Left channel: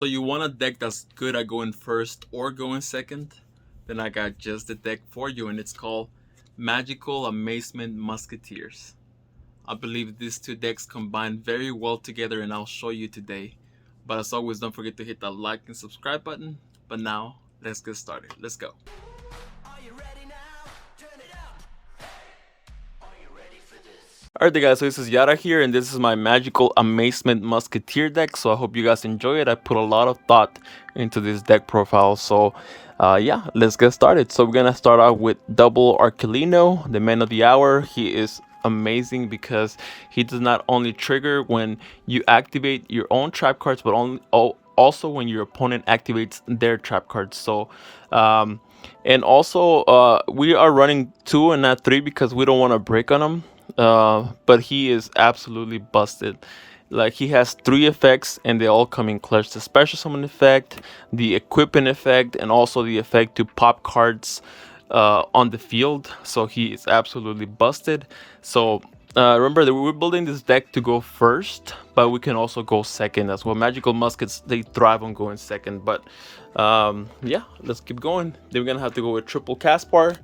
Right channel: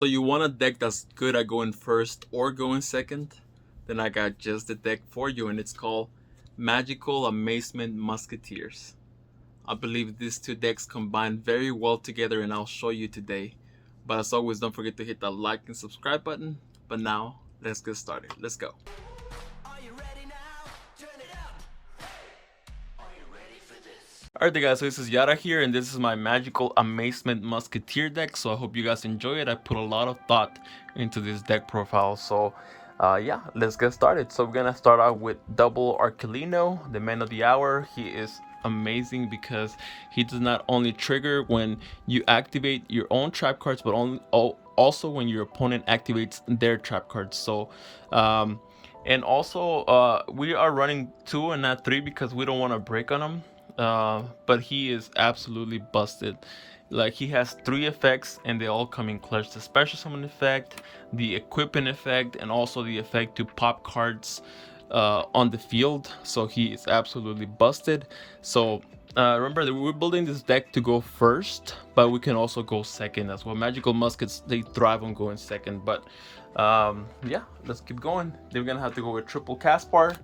So you want a deck that's good at going first or going second? Then I got just the deck for you, and it's called Magical Amazement Musketeers. I believe these two decks combine very well together, and I'll show you today. But as always, don't forget to hit that like and subscribe button. But now, let's get started. Let's go. Alright guys, so this is Yara here, and this is my Magical Amazement Musketeer deck. So I hope you guys enjoy it. I put a lot of thought into this deck profile. So yeah, let's get started. So we're gonna start out with double Archelino, the man of the hour. He is amazing because he does not only trigger when you activate your own trap cards, but also when your opponent activates their trap cards. So and also we are running 2 and not 3 because we don't want to break on him. But he is absolutely busted. Like, he has 3 effects and they all come in clutch: the special summon effect, the equipping effect, and also the effect to pop cards on the field. So he is absolutely busted. So remember that we're building this deck to go first, but we can also go second as well. Magical muskets, they thrive on going second. But yeah, let's keep going. Then we're gonna have to go with triple Caspar.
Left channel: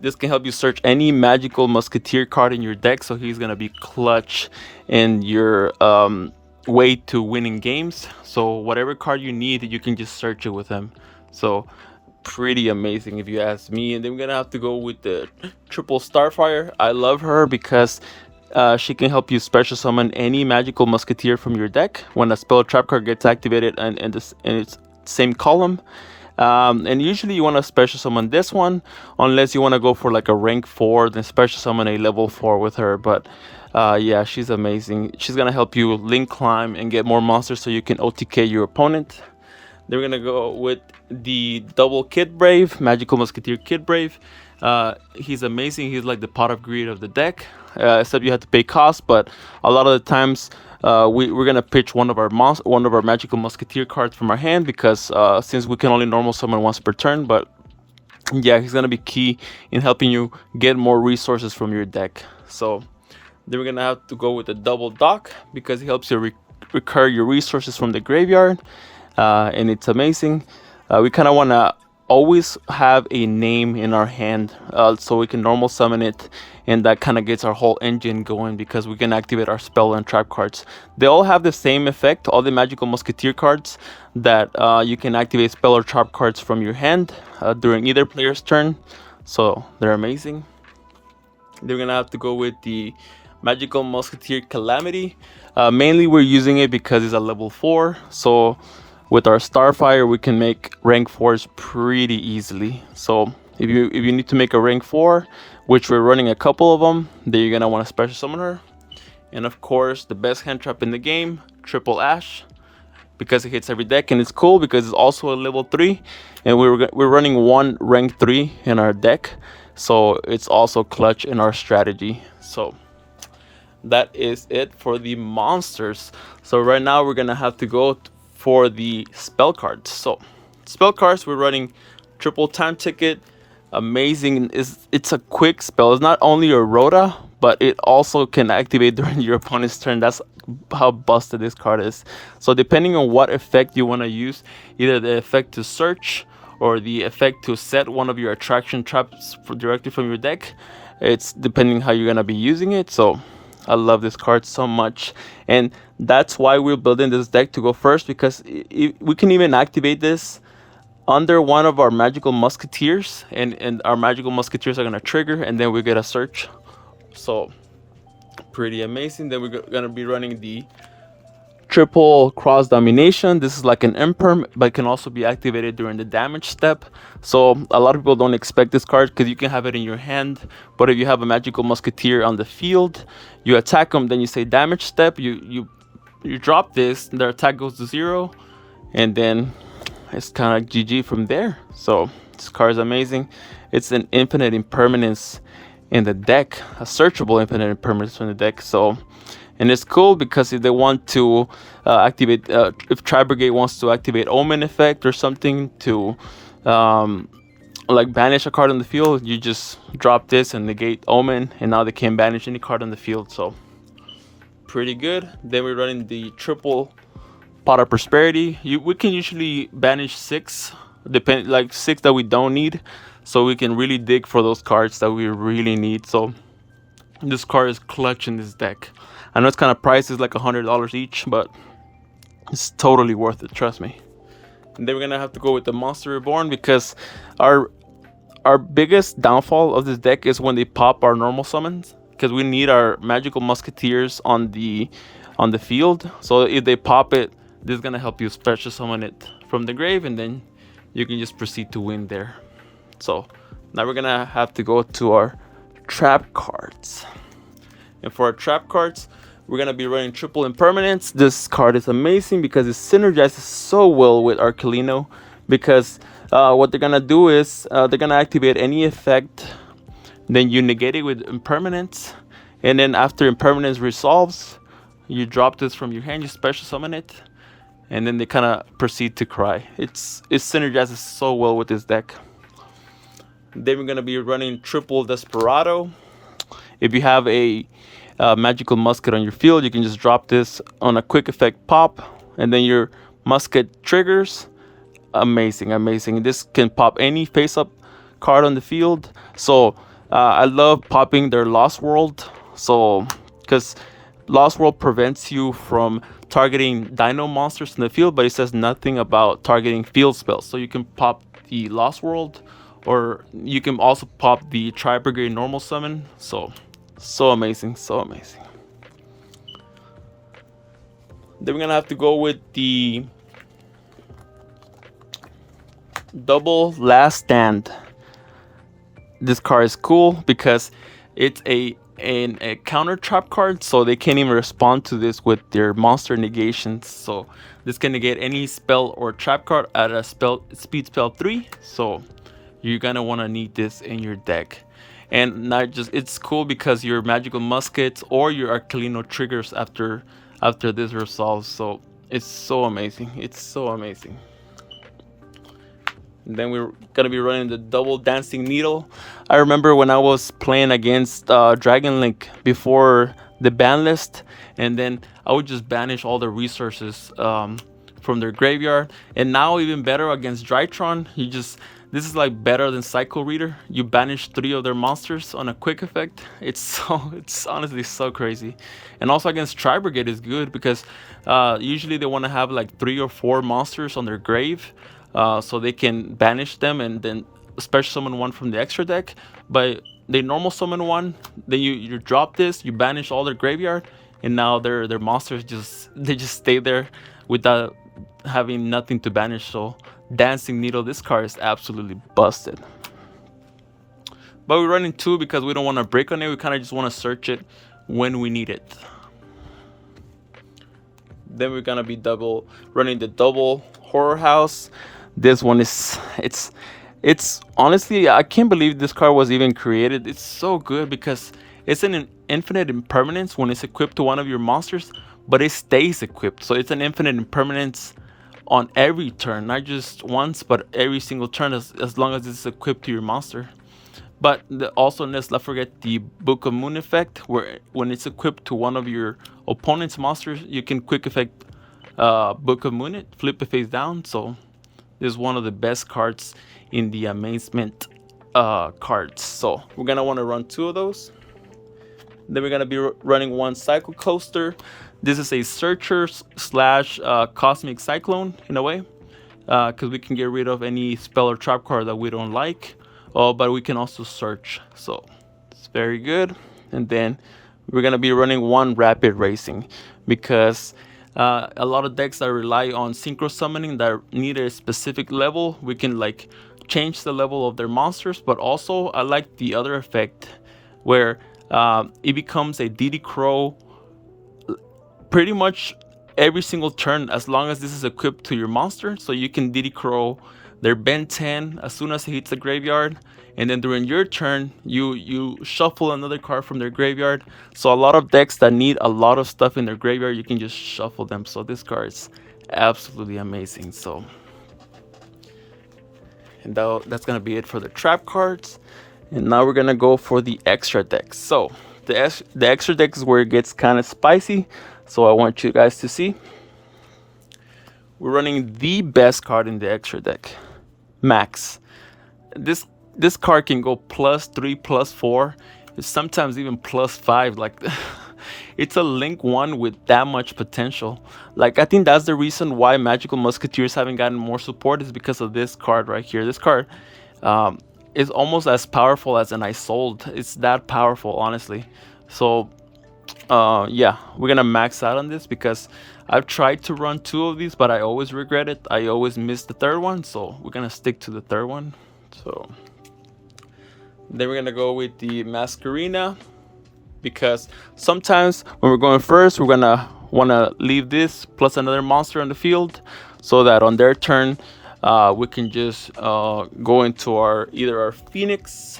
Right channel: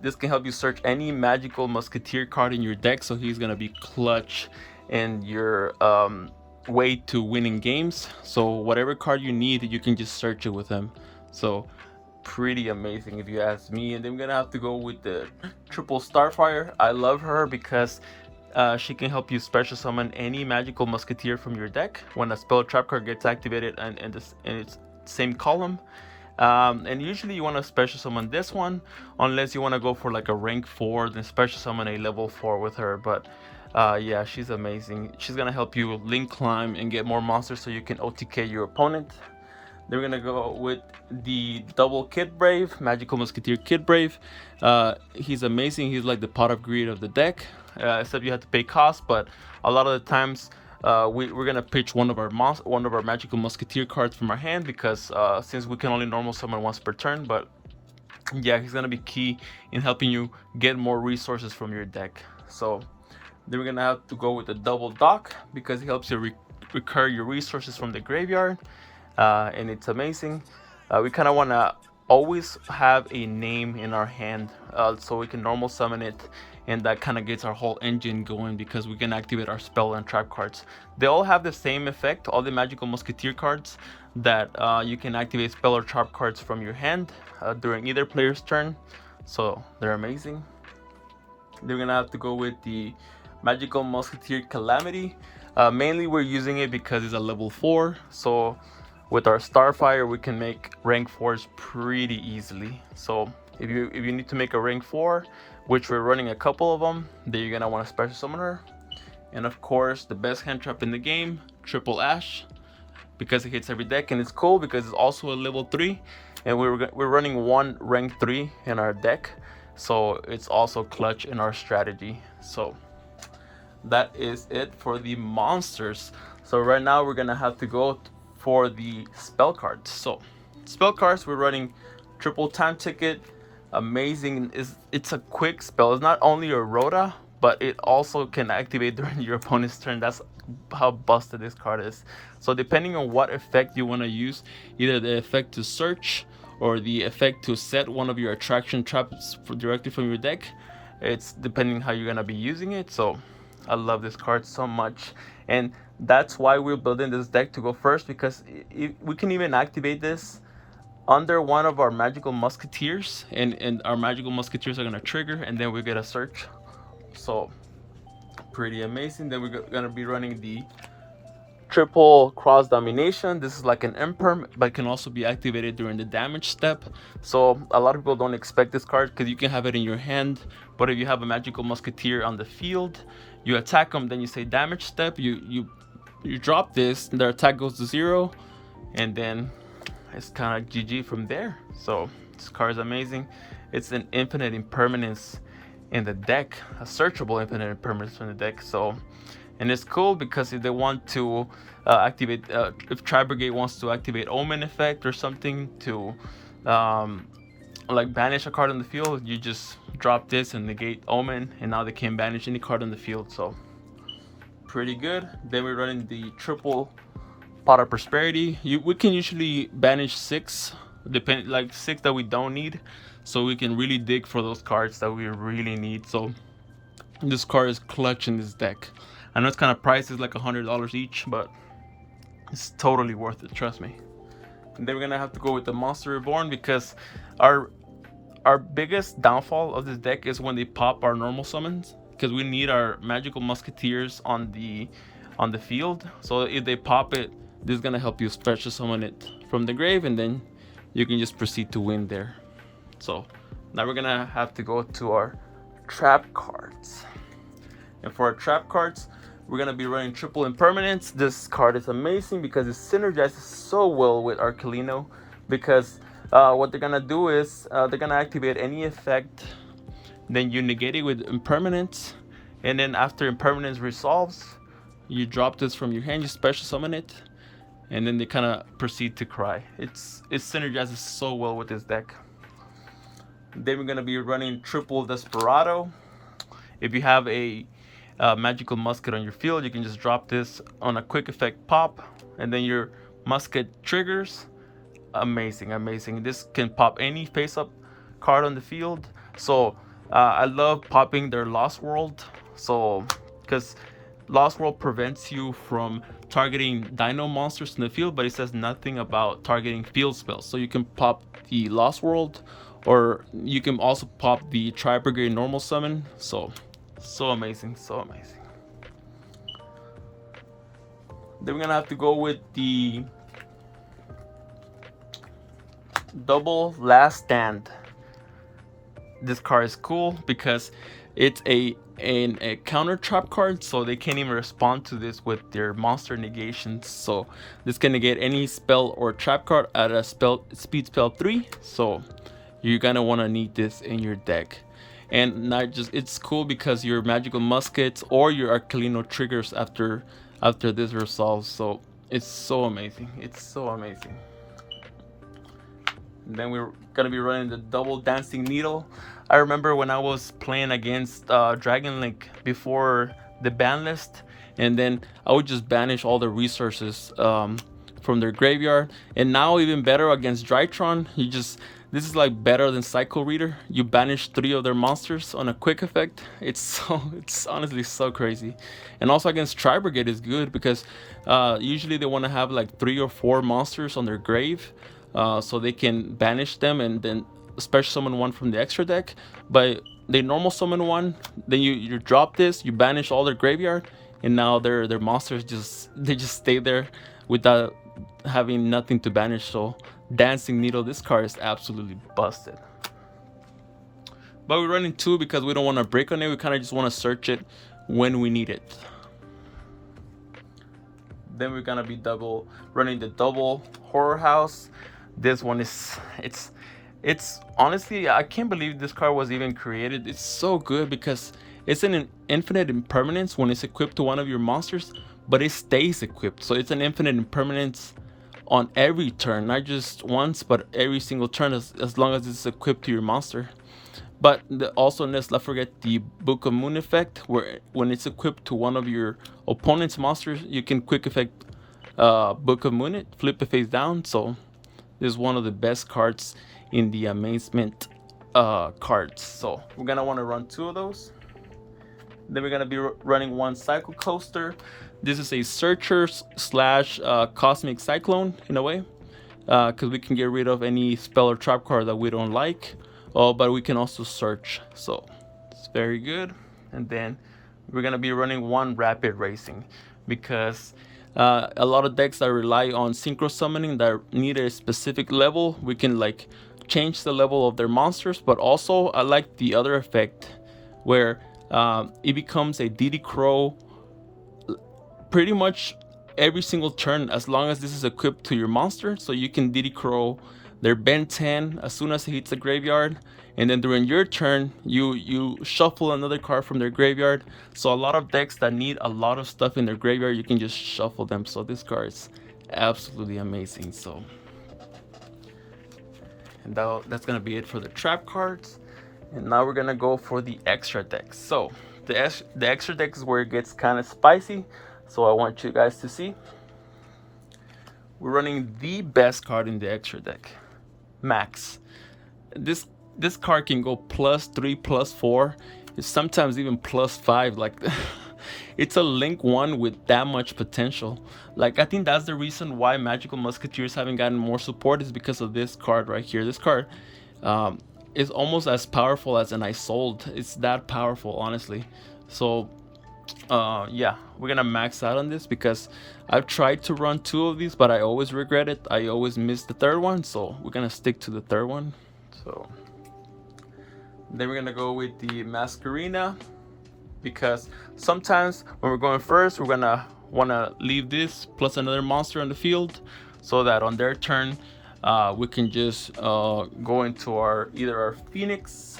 This can help you search any magical musketeer card in your deck, so he's gonna be clutch in your way to winning games. So whatever card you need, you can just search it with him. So pretty amazing if you ask me. And then we're gonna have to go with the triple Starfire. I love her because she can help you special summon any magical musketeer from your deck when a spell or trap card gets activated and in its same column. And usually you want to special summon this one, unless you want to go for like a rank 4, then special summon a level 4 with her. But yeah, she's amazing. She's gonna help you link climb and get more monsters so you can OTK your opponent. Then we're gonna go with the double Kid Brave, Magical Musketeer Kid Brave. He's amazing. He's like the pot of greed of the deck, except you have to pay cost. But a lot of the times we're gonna pitch one of our Magical Musketeer cards from our hand, because since we can only normal summon once per turn. But yeah, he's gonna be key in helping you get more resources from your deck. So then we're gonna have to go with the double Dock, because he helps you recur your resources from the graveyard. And it's amazing. We kind of want to always have a name in our hand, so we can normal summon it, and that kind of gets our whole engine going, because we can activate our spell and trap cards. They all have the same effect, all the magical musketeer cards, that you can activate spell or trap cards from your hand during either player's turn. So they're amazing. They're gonna have to go with the magical musketeer Calamity. Mainly we're using it because it's a level 4, so with our Starfire we can make rank 4s pretty easily. So if you need to make a rank 4, which we're running a couple of them, then you're gonna want to special summon her. And of course, the best hand trap in the game, triple Ash, because it hits every deck. And it's cool because it's also a level 3, and we're running 1 rank 3 in our deck, so it's also clutch in our strategy. So that is it for the monsters. So right now we're gonna have to go for the spell cards. So spell cards, we're running triple Time Ticket. Amazing. It's a quick spell. It's not only a Rhoda, but it also can activate during your opponent's turn. That's how busted this card is. So depending on what effect you want to use, either the effect to search or the effect to set one of your attraction traps directly from your deck, it's depending how you're gonna be using it. So I love this card so much, and that's why we're building this deck to go first, because we can even activate this under one of our magical musketeers, and our magical musketeers are gonna trigger, and then we get a search. So pretty amazing. Then we're gonna be running the triple cross domination. This is like an imperm, but it can also be activated during the damage step. So a lot of people don't expect this card because you can have it in your hand, but if you have a magical musketeer on the field, you attack them, then you say damage step, you drop this, their attack goes to 0, and then it's kind of GG from there. So this card is amazing. It's an infinite impermanence in the deck, a searchable infinite impermanence in the deck. So, and it's cool because if they want to activate, if Tri Brigade wants to activate Omen effect or something to like banish a card on the field, you just drop this and negate Omen, and now they can't banish any card on the field. So pretty good. Then we're running the triple Pot of Prosperity. We can usually banish six, like six that we don't need, so we can really dig for those cards that we really need. So this card is clutch in this deck. I know it's kind of priced, it's like $100 each, but it's totally worth it. Trust me. And then we're gonna have to go with the Monster Reborn because our our biggest downfall of this deck is when they pop our normal summons, because we need our magical musketeers on the field. So if they pop it, this is gonna help you special summon it from the grave, and then you can just proceed to win there. So now we're gonna have to go to our trap cards. And for our trap cards, we're gonna be running triple impermanence. This card is amazing because it synergizes so well with Archelino, because what they're gonna do is they're gonna activate any effect, then you negate it with impermanence, and then after impermanence resolves, you drop this from your hand, you special summon it, and then they kind of proceed to cry. It synergizes so well with this deck. Then we're gonna be running triple Desperado. If you have a magical musket on your field, you can just drop this on a quick effect pop, and then your musket triggers. Amazing, amazing. This can pop any face up card on the field. So I love popping their Lost World, so because Lost World prevents you from targeting dino monsters in the field, but it says nothing about targeting field spells. So you can pop the Lost World, or you can also pop the Tri-Brigade normal summon. So amazing, so amazing. Then we're gonna have to go with the double Last Stand. This card is cool because it's a counter trap card, so they can't even respond to this with their monster negations. So this can negate any spell or trap card at a speed spell 3. So you're gonna want to need this in your deck. And not just, it's cool because your magical muskets or your Archelino triggers after this resolves. So it's so amazing. It's so amazing. And then we're gonna be running the double Dancing Needle. I remember when I was playing against Dragon Link before the ban list, and then I would just banish all the resources from their graveyard. And now even better against Drytron, this is like better than Psycho Reader. You banish 3 of their monsters on a quick effect. It's honestly so crazy. And also against Tri-Brigade is good because usually they want to have like 3 or 4 monsters on their grave, so they can banish them and then special summon one from the extra deck. But they normal summon one, then you drop this, you banish all their graveyard, and now their monsters just stay there without having nothing to banish. So Dancing Needle, this card is absolutely busted. But we're running 2 because we don't want to break on it. We kind of just want to search it when we need it. Then we're gonna be running the double Horror House. This one is it's honestly, I can't believe this card was even created. It's so good because it's an infinite impermanence when it's equipped to one of your monsters, but it stays equipped. So it's an infinite impermanence on every turn, not just once, but every single turn, as long as it's equipped to your monster. But also, let's not forget the Book of Moon effect, where when it's equipped to one of your opponent's monsters, you can quick effect Book of Moon it, flip it face down. So this is one of the best cards in the Amazement cards. So we're gonna want to run 2 of those. Then we're gonna be running 1 Cycle Coaster. This is a searcher slash cosmic cyclone in a way, because we can get rid of any spell or trap card that we don't like. But we can also search, so it's very good. And then we're gonna be running 1 Rapid Racing because a lot of decks that rely on synchro summoning that need a specific level, we can like change the level of their monsters. But also I like the other effect where it becomes a DD Crow pretty much every single turn as long as this is equipped to your monster. So you can DD Crow their Ben 10 as soon as it hits the graveyard, and then during your turn you shuffle another card from their graveyard. So a lot of decks that need a lot of stuff in their graveyard, you can just shuffle them. So this card is absolutely amazing. So, and that's gonna be it for the trap cards. And now we're gonna go for the extra decks. So the extra deck is where it gets kind of spicy, so I want you guys to see. we're running the best card in the extra deck, Max. This card can go +3, +4, it's sometimes even +5. Like, it's a link one with that much potential. Like, I think that's the reason why Magical Musketeers haven't gotten more support, is because of this card right here. This card is almost as powerful as an Isold. It's that powerful, honestly. So yeah, we're gonna max out on this because I've tried to run 2 of these, but I always regret it. I always miss the 3rd one, so we're gonna stick to the 3rd one. So then we're gonna go with the Masquerina, because sometimes when we're going first, we're gonna wanna leave this plus another monster on the field, so that on their turn, we can just go into our either our Phoenix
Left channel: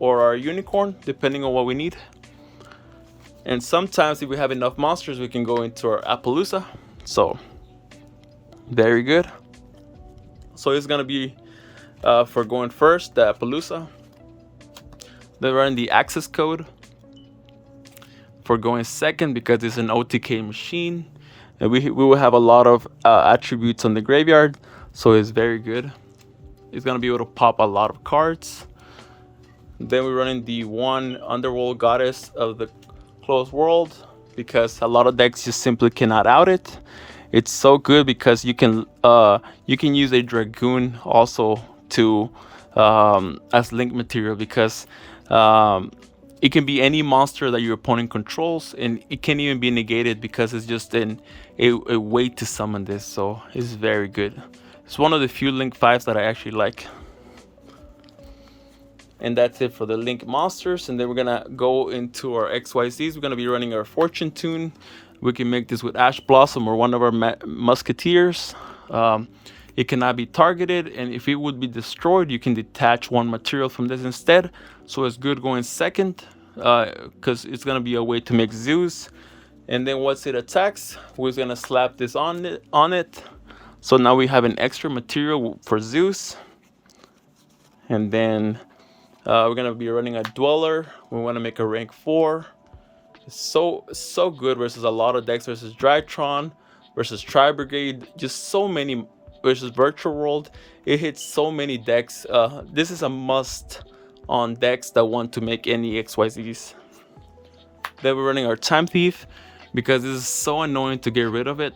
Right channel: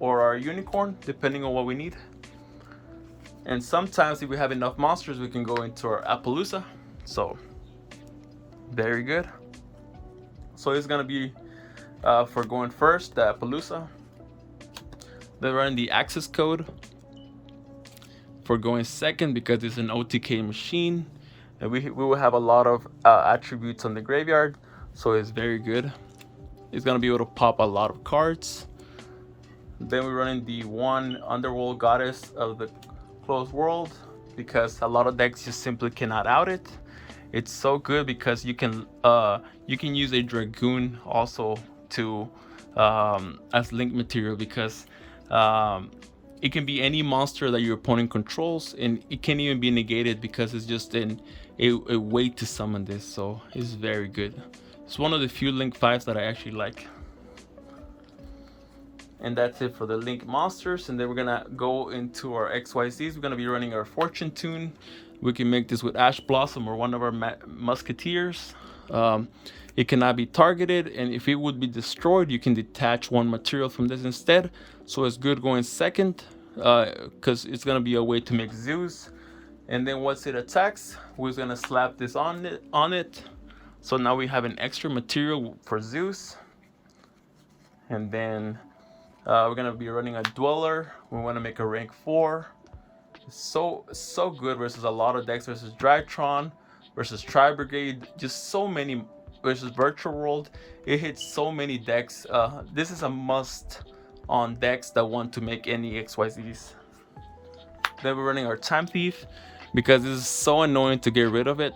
or our Unicorn, depending on what we need. And sometimes if we have enough monsters, we can go into our Appaloosa. So very good. So it's gonna be for going first, the Appaloosa. Then run the access code for going second, because it's an OTK machine, and we will have a lot of attributes on the graveyard, so it's very good. It's gonna be able to pop a lot of cards. Then we're running the 1 Underworld Goddess of the Closed World, because a lot of decks just simply cannot out it. It's so good because you can use a Dragoon also to as link material, because it can be any monster that your opponent controls, and it can even be negated because it's just a way to summon this. So it's very good. It's one of the few link 5s that I actually like. And that's it for the link monsters. And then we're gonna go into our XYZs. We're gonna be running our Fortune Tune. We can make this with Ash Blossom or one of our Musketeers. It cannot be targeted, and if it would be destroyed, you can detach 1 material from this instead. So it's good going second, because it's gonna be a way to make Zeus. And then once it attacks, we're gonna slap this on it. So now we have an extra material for Zeus. And then we're gonna be running a Dweller. We want to make a rank 4. It's so good versus a lot of decks, versus Drytron, versus Tri Brigade, just so many, versus Virtual World. It hits so many decks. This is a must on decks that want to make any XYZs. Then we're running our Time Thief, because this is so annoying to get rid of it,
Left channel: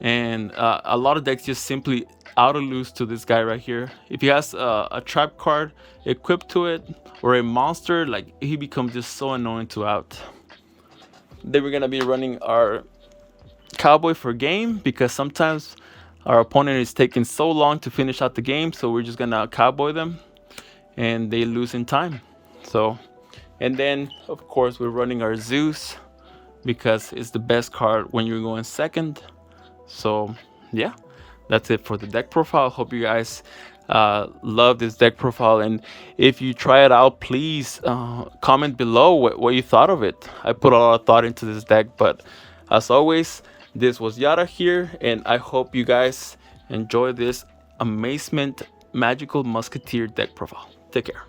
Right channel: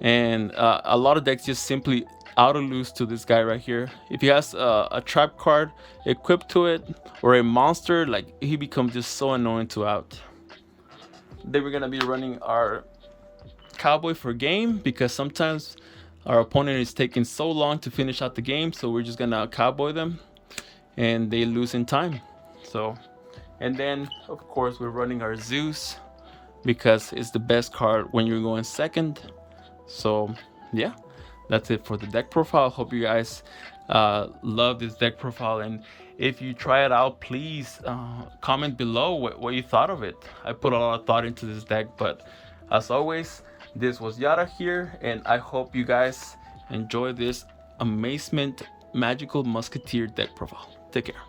and a lot of decks just simply auto lose to this guy right here. If he has a trap card equipped to it or a monster, like, he becomes just so annoying to out. Then we're gonna be running our Cowboy for game, because sometimes our opponent is taking so long to finish out the game, so we're just gonna Cowboy them and they lose in time. So, and then of course we're running our Zeus, because it's the best card when you're going second. So yeah, that's it for the deck profile. Hope you guys love this deck profile, and if you try it out, please comment below what you thought of it. I put a lot of thought into this deck, but as always, this was Yara here, and I hope you guys enjoy this Amazement Magical Musketeer deck profile. Take care.